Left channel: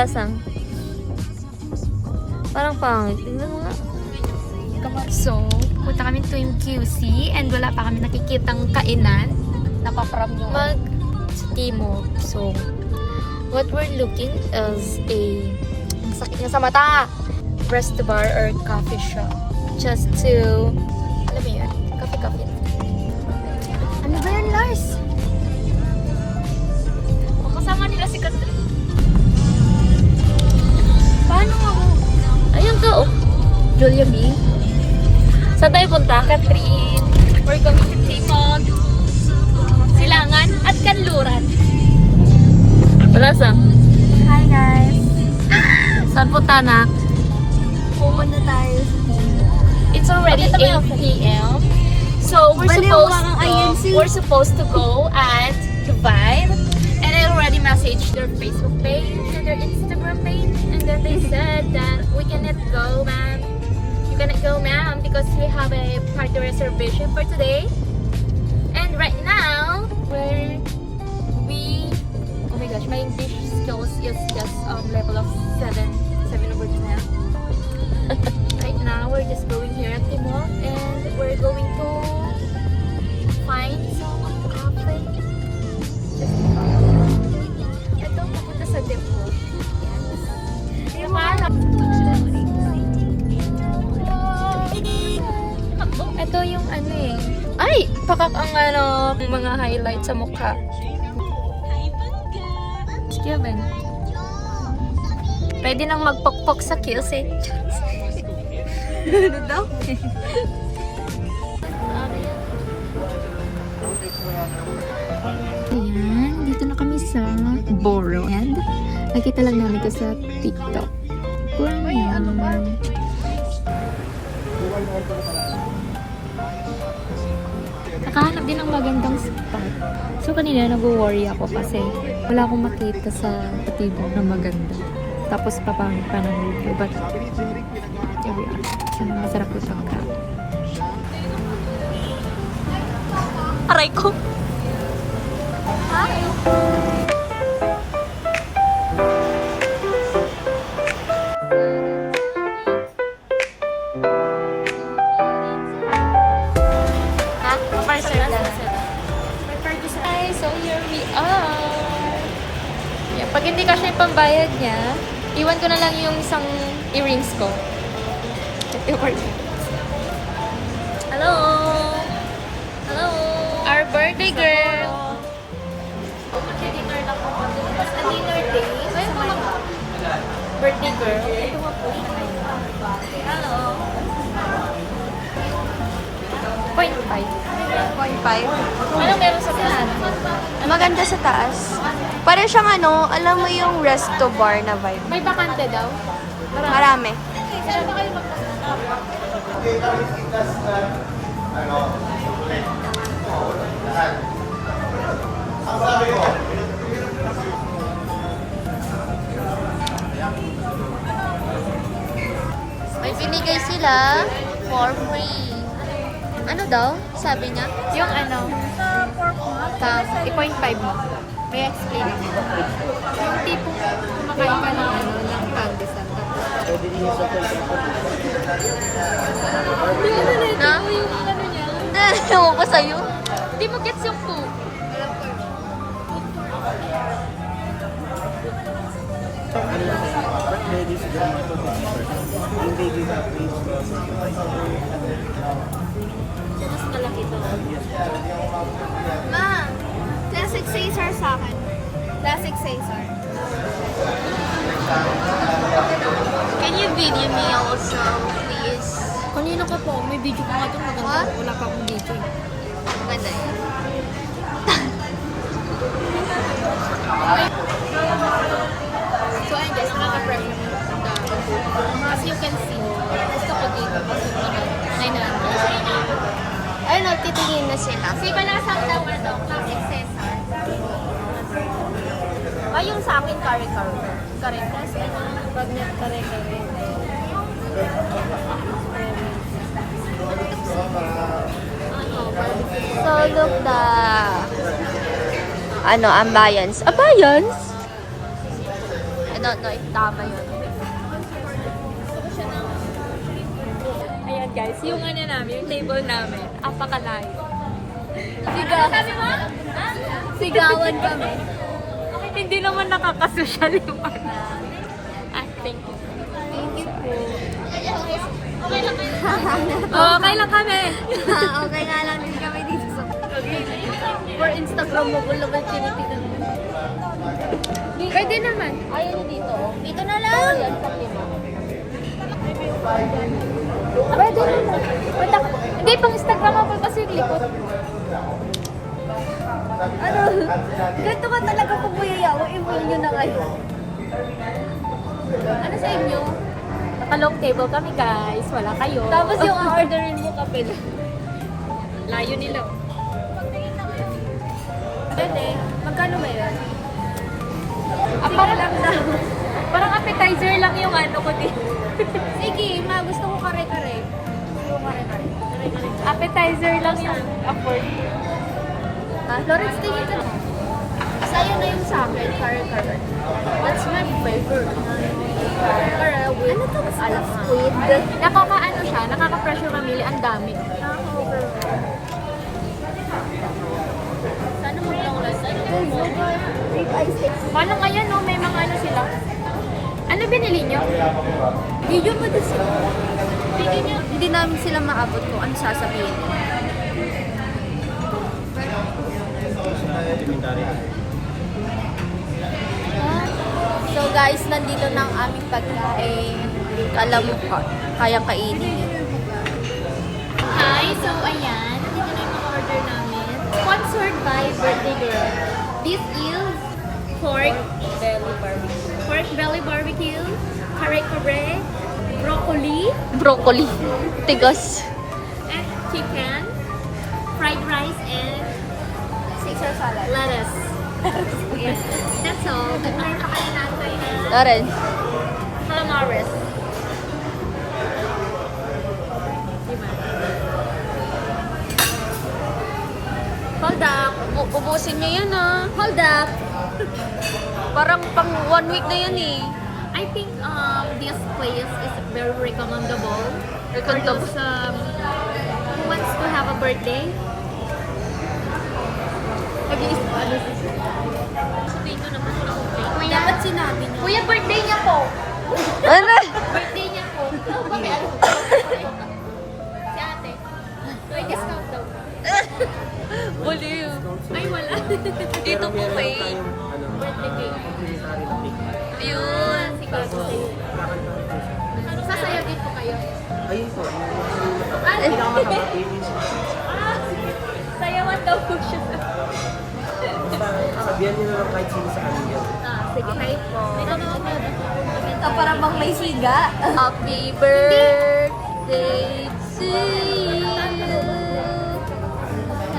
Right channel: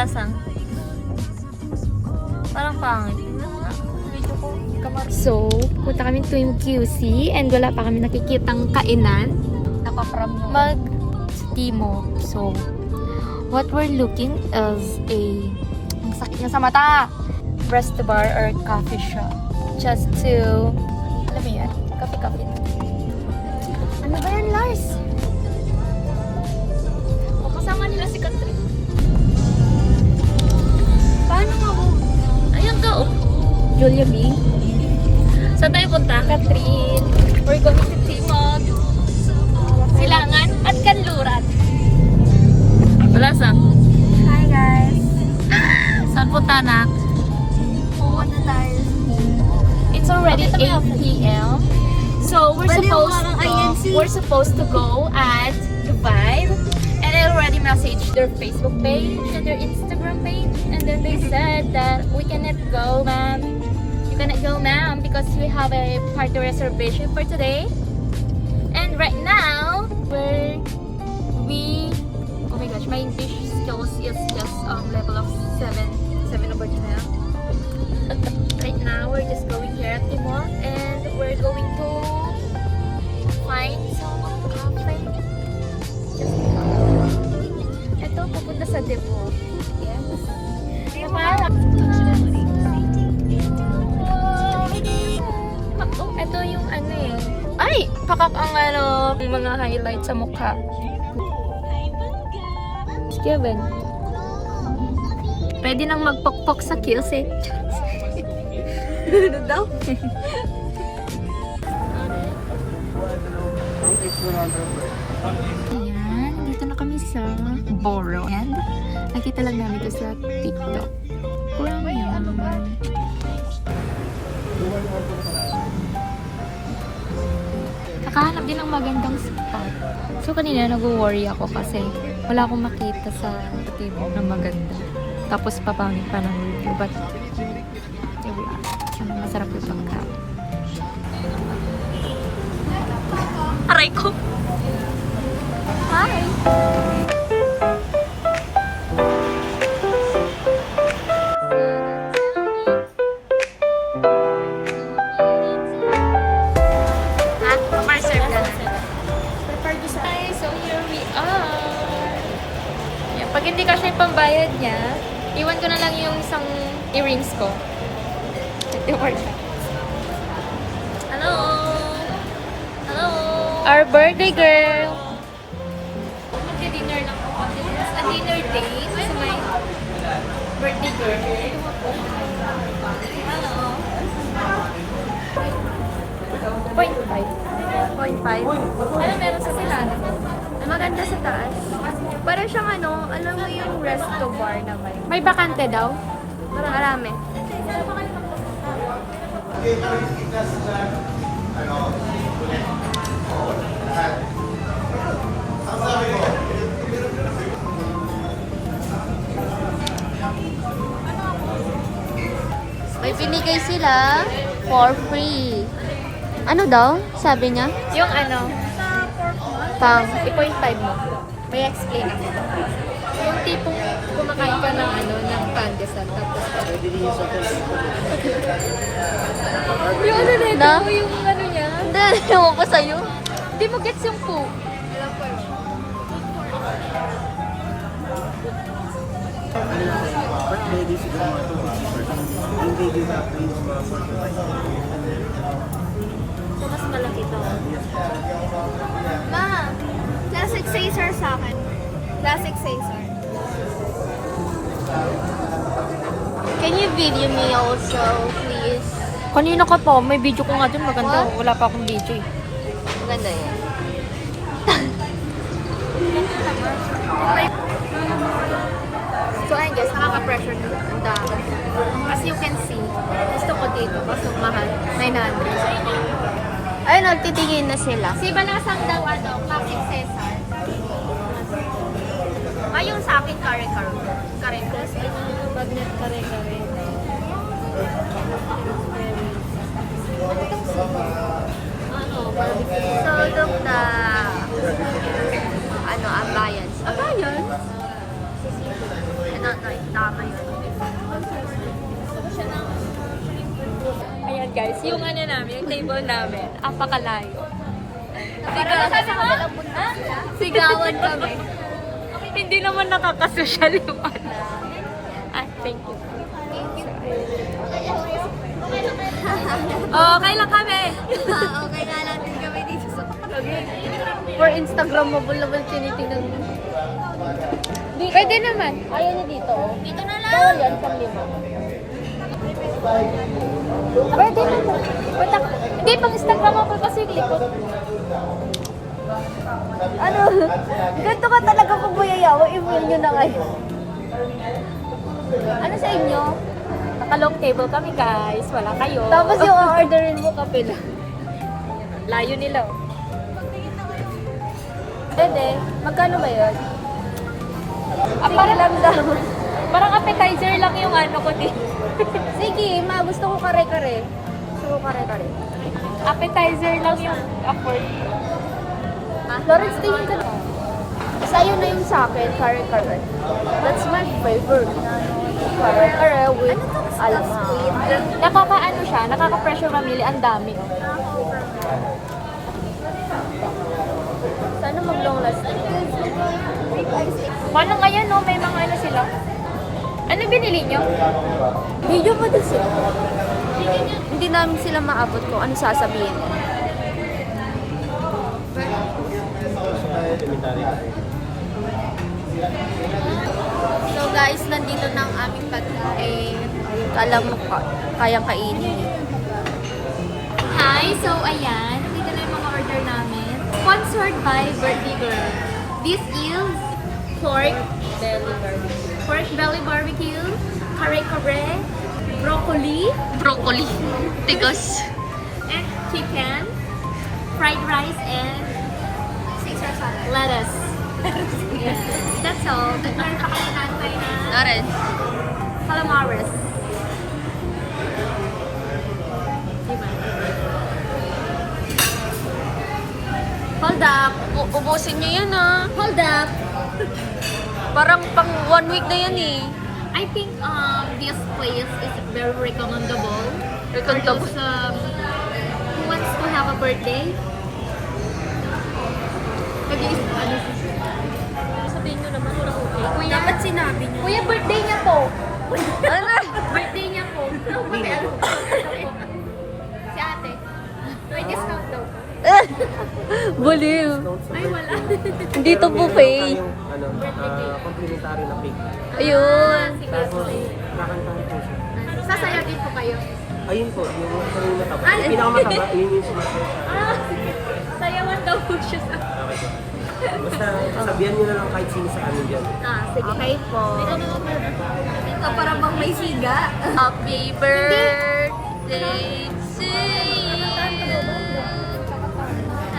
Malasang. Parang pangit. So, punta kami tuwing QC and wala pa kami nakikitang kainan. Mag-Timo. So, what we're looking is ang sakit niya sa mata, resto bar or coffee shop. Just to, ano ba yan? Coffee. Ano ba yan, Lars? Kasama nila si Catherine. Paano ako? Ayun ka, oh. Julia B? Saan tayo punta? Catherine. We're going to Timog. Silangan at Kanluran. Malasang. Hi guys! Saan punta, nak? Pupunta tayo sa Timo. It's already 8 p.m. So we're supposed to go at the Vibe, and I already messaged their Facebook page and their Instagram page, and then they said that we cannot go, ma'am. You cannot go, ma'am, because we have a party reservation for today. And right now, oh my gosh, my English skills is just level of 7 over 10. Right now, we're just going here at Timor, and we're going to find some cafe. Just ito, pupunta sa depot. Yes. Ito yung ano eh. Ay! Pakak ang ano, mga highlight sa mukha. Kevin. Pwede nang magpokpok sa kills eh. Ano daw? Ayan, dito na kami sa Boro. And nakita lang namin ito sa TikTok. Kurang yan. Nakahanap din ng magandang spot. So kanina nag-worry ako kasi wala akong makita sa Patibo na maganda. Tapos papangit pa ng review. But here we are. Sana masarap yung pagkain. Aray ko! Hi! Hi, so here we are. Yeah, pag hindi kasi yung pambayad niya, iwan ko na lang yung isang earrings ko. Hello! Hello! Our birthday girl! Mag-dinner lang po kami. A dinner day sa my birthday girl. Ito nga po siya ngayon. Hello! 0.5. 0.5. Ano meron sa silano? Maganda sa taas. Parang siyang ano, alam mo yung resto bar na vibe. May bakante daw? Marami. May binigay sila for free. Ano daw? Sabi niya? Yung ano, Pang i-0.5 mo. May explain ako. Yung tipong kumakain ka ng ano, ng pandesal. Tapos, yung ano na ito, No? yung ano niya. hindi, ewan ko sa'yo. Hindi mo gets yung po. But lady siguro mga 250%. Yung lady na range mga 45%. So, mas malaki to. Ma, classic Caesar sa akin. Classic Caesar. Can you video me also, please? Kanina ka pa, may video ko nga dun, maganda. What? Wala pa akong video eh. Maganda yan. So, ayun guys, nakaka-pressure na ang dami. As you can see, gusto ko dito, gusto mahal. 900. Ayun, titigil na sila. Si Balasang daw ano, classic Caesar. Yung sa akin, kare-kare. Kare-plus, bagnet kare-kare. Ano, barbecue. So, look the... Ano, ambience. Ambience? don't know if tama yun. Ayan guys, yung ano namin, yung table namin, apakalayo. Sigawan kami. Hindi naman nakakasosyal yung ano. Ah, thank you. Oh, okay lang kami. Okay nga lang din kami dito. For Instagram mo, wala naman tinitignan mo. Pwede naman. Ayun dito. Dito na lang! Pwede naman. Punta ka. Hindi, pang Instagram mo pa kasi lipot. Ano? Ganito ka talaga pag mayayawa, i-mail nyo na kayo. Ano sa inyo? Naka-long table kami guys. Wala kayo. Tapos yung orderin mo kape na. layo nila. Pwede. Magkano ba yun? Parang parang appetizer lang yung ano ko din. Sige, gusto ko kare-kare. Gusto ko kare-kare. Appetizer lang yung afford. Florence, tingin ka na. Sa'yo na yung sa akin, kare-kare. That's my favorite. Kare-kare with alam squid. Nakakaano siya, nakaka-pressure mamili. Ang dami. Oh. Sana mag-long last. Rib eye steak. Paano ngayon, no? May mga ano sila. Ano binili nyo? Video mo din sila. Hindi namin sila maabot ko. Ano sasabihin niya? So guys, nandito na ang aming pagkain. Kala mo kayang kainin. Hi! So, ayan. Dito na yung mga order namin. Sponsored by Birthday Girl. This is pork belly barbecue, kare-kare, broccoli, Tigas. and chicken, fried rice, and Caesar salad. Lettuce. Yes. That's all. Orange. Calamaris. Diba? Hold up. Ubusin niyo yan ah. Hold up. Parang pang 1 week na yan eh. I think this place is very recommendable for Recommendable. those who wants to have a birthday. Dapat sinabi niyo. Kuya, birthday niya po. Ano? Birthday niya po. Si ate. May discount daw. Baliw. Ay, wala. Dito po kay. Complimentary na cake. Ayun. Si Kaso. Sasayaw din po kayo. Ayun po, yung kanina po. Ay! Pinakamakainis. Sayawan daw po siya sa... Basta sabihan nyo na lang kahit sino sa amin yan. Sige. Okay po. Ito parang bang may siga. Happy birthday to you.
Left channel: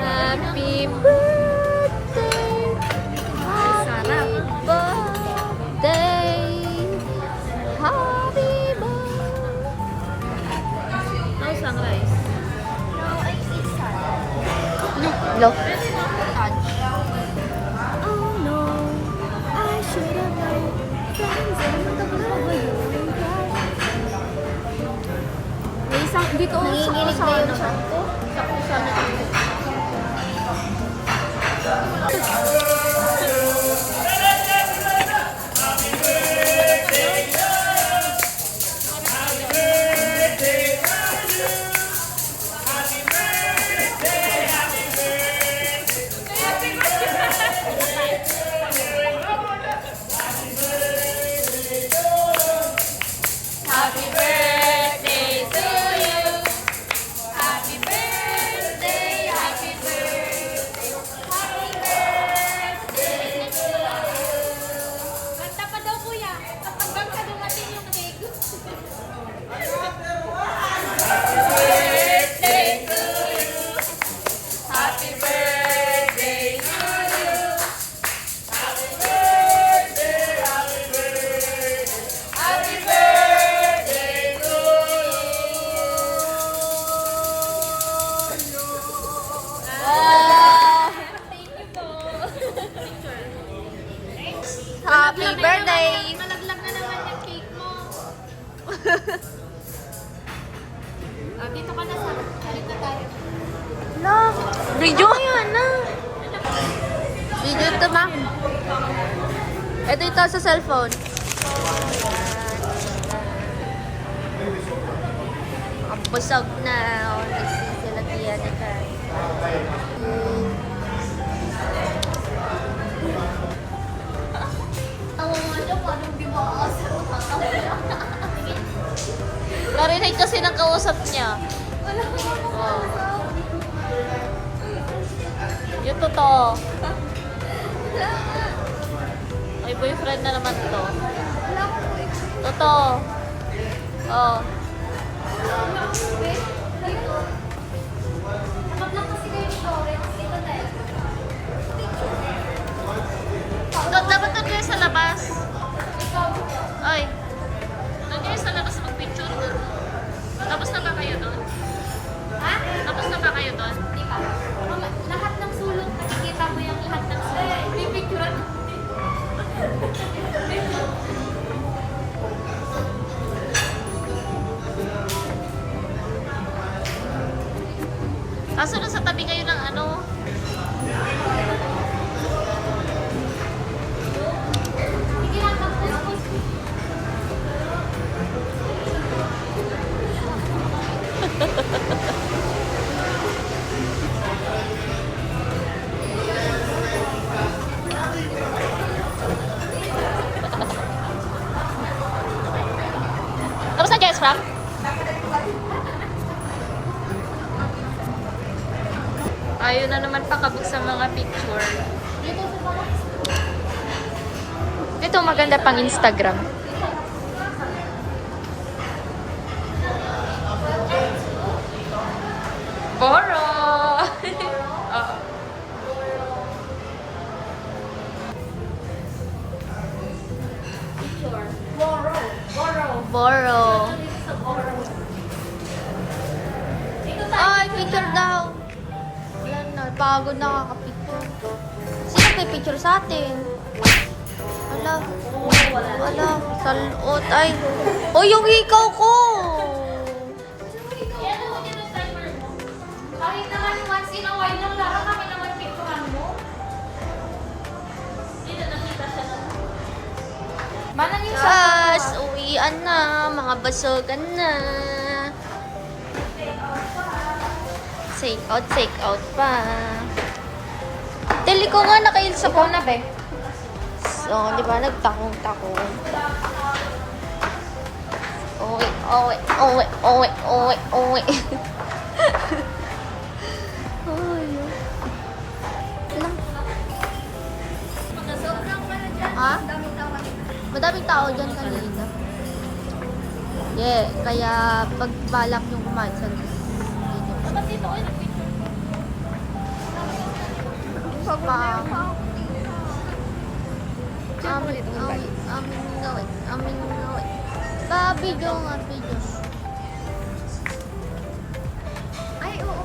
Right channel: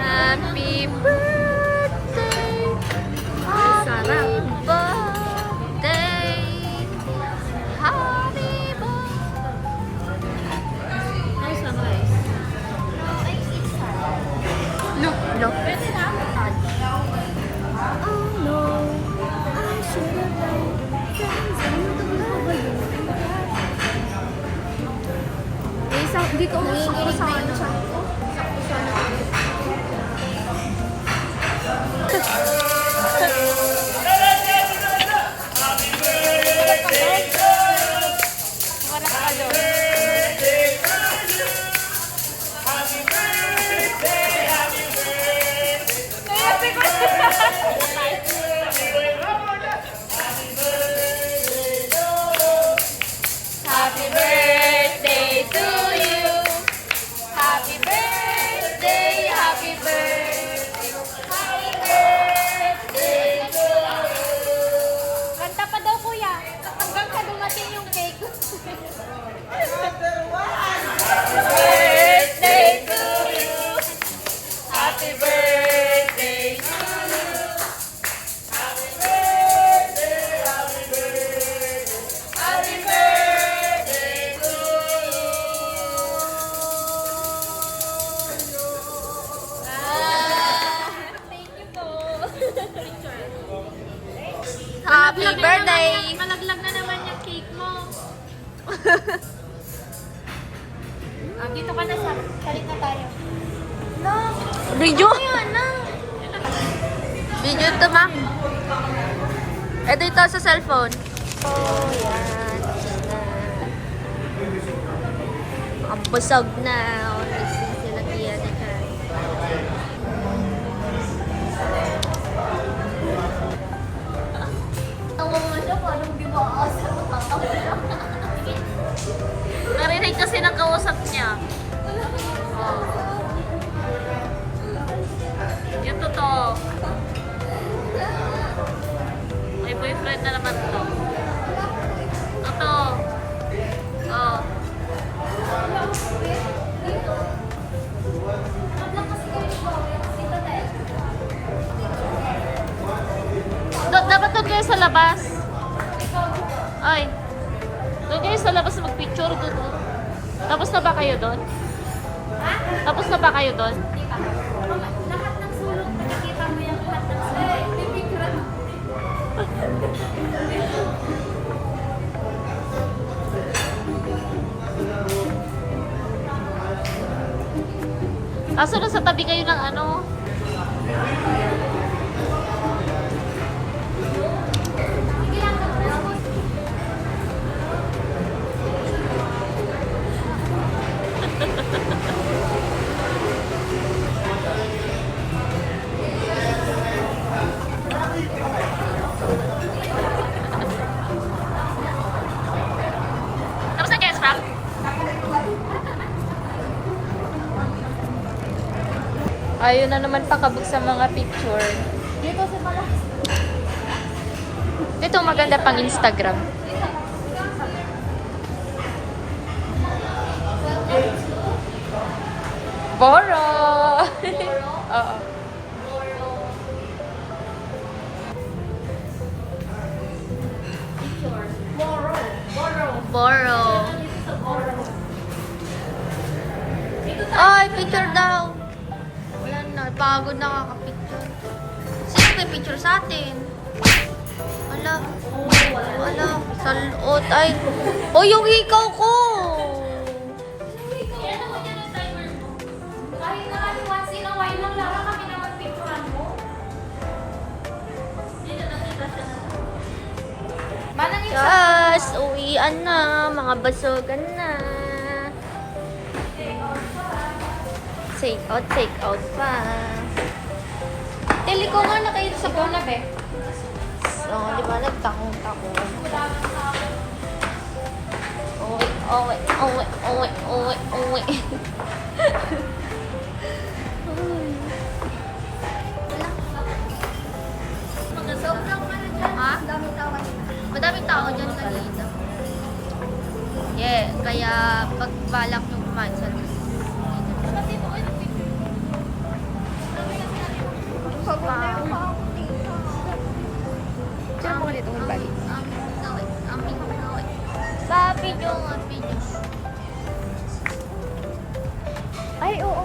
Happy birthday. Sarap. Birthday. Happy birthday. Oh, sunrise. No. Oh no, I should have known. May isang, dito. Nanginginig na yung chat ko. Happy birthday to you. Video? Video ito, ma. Ito ito sa cellphone. Oh, yan. Ang busog na. Oh, sila kaya na kay. Narinig kasi ng kausap niya. Oh. Yung totoo. May boyfriend na naman to. Totoo. Oh. Dapat doon kayo sa labas. Ay. Doon kayo sa labas mag-picture. Tapos na ba kayo doon? Ha? Tapos na ba kayo doon? Di pa. Lahat ng sulok, nakikita mo yung lahat ng sulok. Pipicturean mo. Kaso nasa tabi kayo ng ano. Sige lang, tapos. Tapos na guys, Frank? Ayaw na naman pakabog sa mga picture. Ito maganda pang Instagram. Boro! Oo. Boro. Ay, picture daw. Wala na, pagod na kakapicture. Sino may picture sa atin? Ala, salot. Ay, oh, yung hikaw ko! Yan ako dyan ang timer mo. Kahit naman once in a while lang, Lara, kami naman picturean mo. Hindi na nakita siya na. Manang isa. Yes, uwian na. Mga basogan na. Take out pa. Dali ko nga nakails ako. Na, be? So, di ba, nagtakong-takong. Uwi. Ha? Madaming tao dyan kanina. Yeah, kaya pag balak yung kumain sa Diyan mo dito, magbalik. Amin gawin. Sa video nga, video. Ay, oo.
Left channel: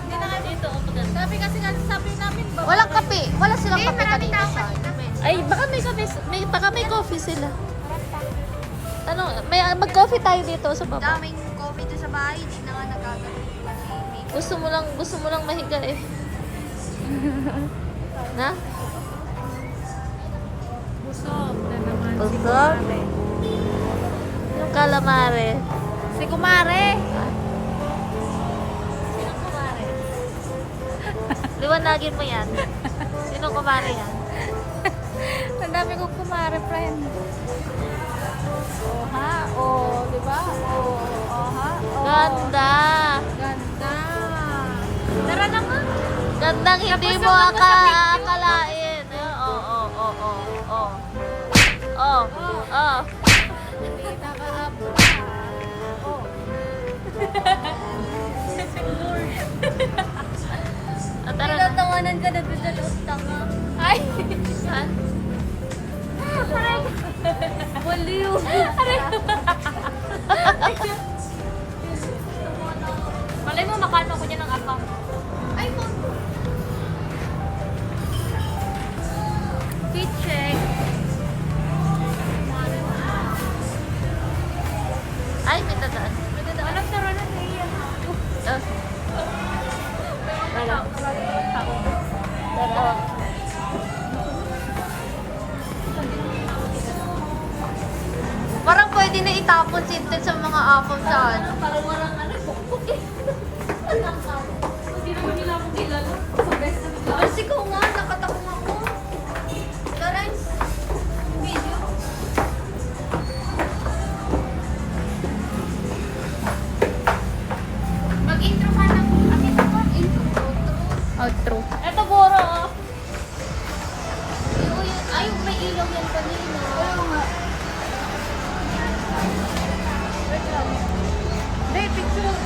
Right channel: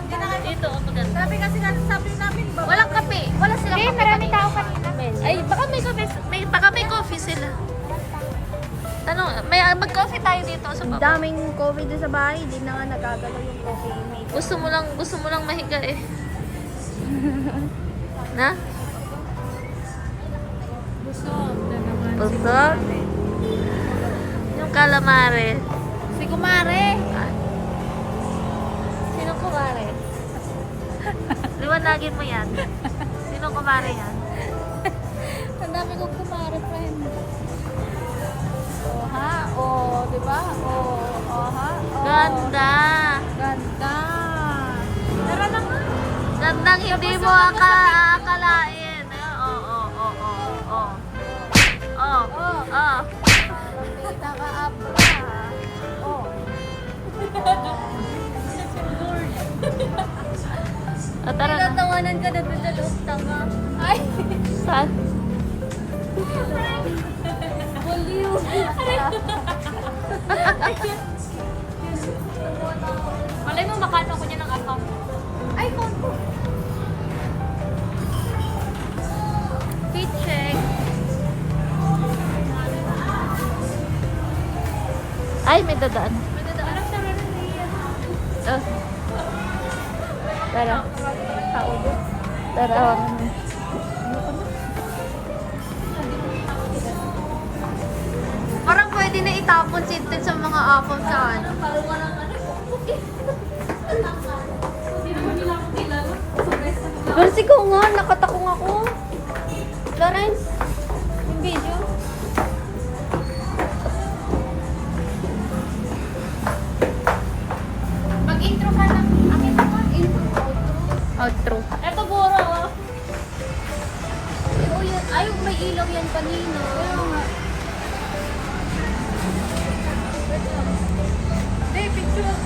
Hindi na kayo dito, maganda. Sabi kasi sabi namin, Walang kape. Wala silang kape maraming kanina tao sa pa. amin. Ay, baka may coffee sila. Ano, mag-coffee tayo dito sa baba. daming COVID sa bahay, hindi na nga nagagawin. Gusto mo lang mahiga eh. Na? Busog na naman. Busog? Yung calamari. Si Kumare. Ah, Sino Kumare? liwanagin mo yan. Sino kumari yan? Ang dami kong Kumare, friend. Oh, ha? Oh, di ba? Oh, ha? Oh. Ganda. Ganda. Tara na nga. Gandang hindi Tapos mo yung mga sa picture. akalain. Oh. Kita ka, abra. Oh. Tara na. Tinatawanan ka na doon tanga. Ay! Saan? Baliw. Malay mo, makano ko dyan ng account. Ay, Fit check. Ay, may dadaan. may dadaan. Anong saro na niya? Oh. itapon si Ted sa mga apaw sa ano. Parang walang ano, pukpuk eh. Hindi naman nila ako kilala. Sa best na nila. Kasi ko nga, nakatakong ako. Lawrence, yung video. Mag-intro ka ng akin ako. Intro. Outro. Eto, Boro. Pero yan, ay, may ilong yan kanina. Pero nga. Hindi, picture.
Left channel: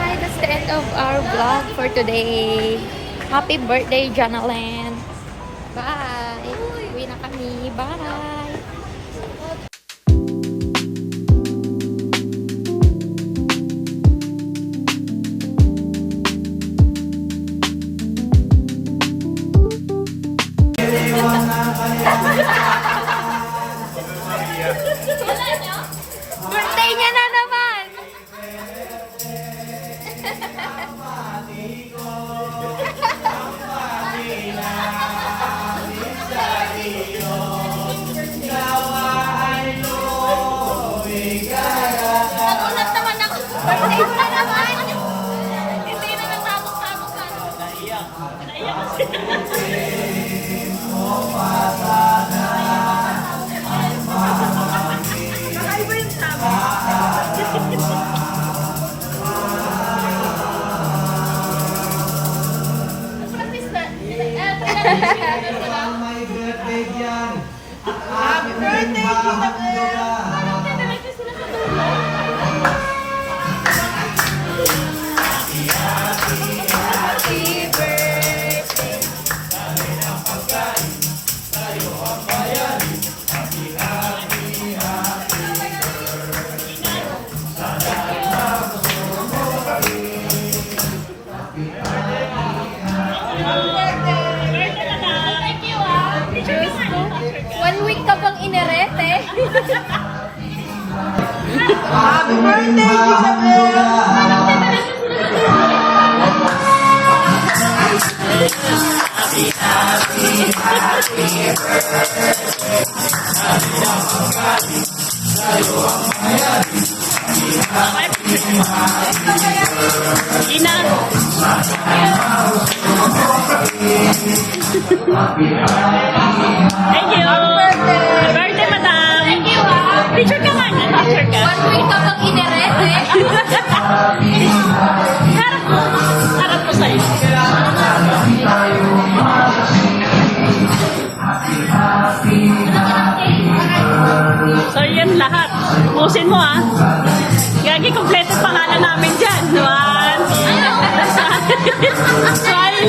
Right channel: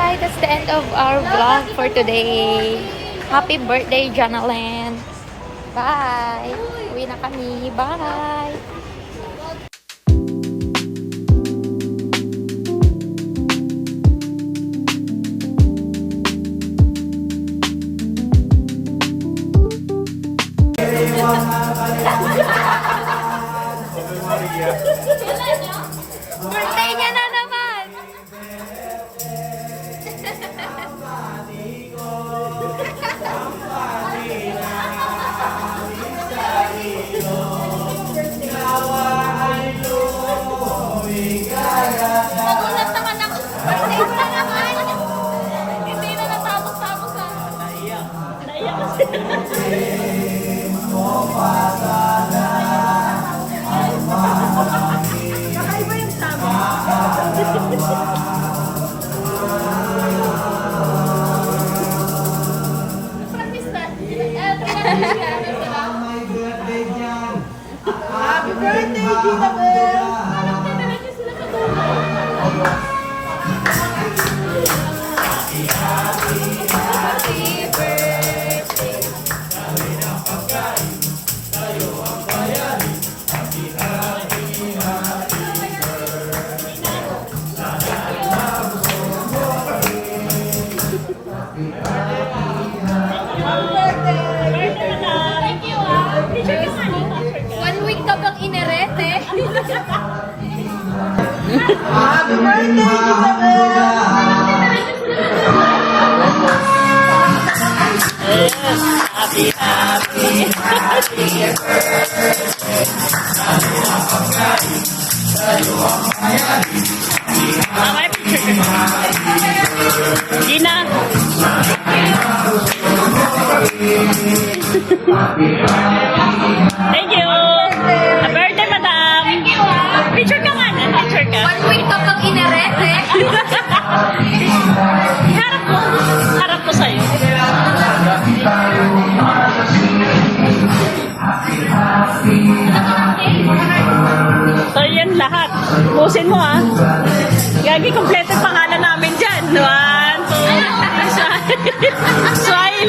Hi, that's the end of our vlog for today. Happy birthday, Janalan. Bye. Uwi na kami. Bye. Birthday niya na naman. Mag-usap naman ako. Hindi na natapos-tapos ka. Practice na. Happy birthday, Gina Bell! Parang tiniretso sila sa dulo. Thank you, ah. 1 week ka pang inerete. Happy birthday, Isabel! Birthday, madam. Thank you, ah. Picture ka nga. Picture ka. 1 week ka pang inerete. Harap ko sa'yo. So, yan lahat. Pusin mo, ah. Gagi, kompleto pangalan namin dyan. One. Sorry.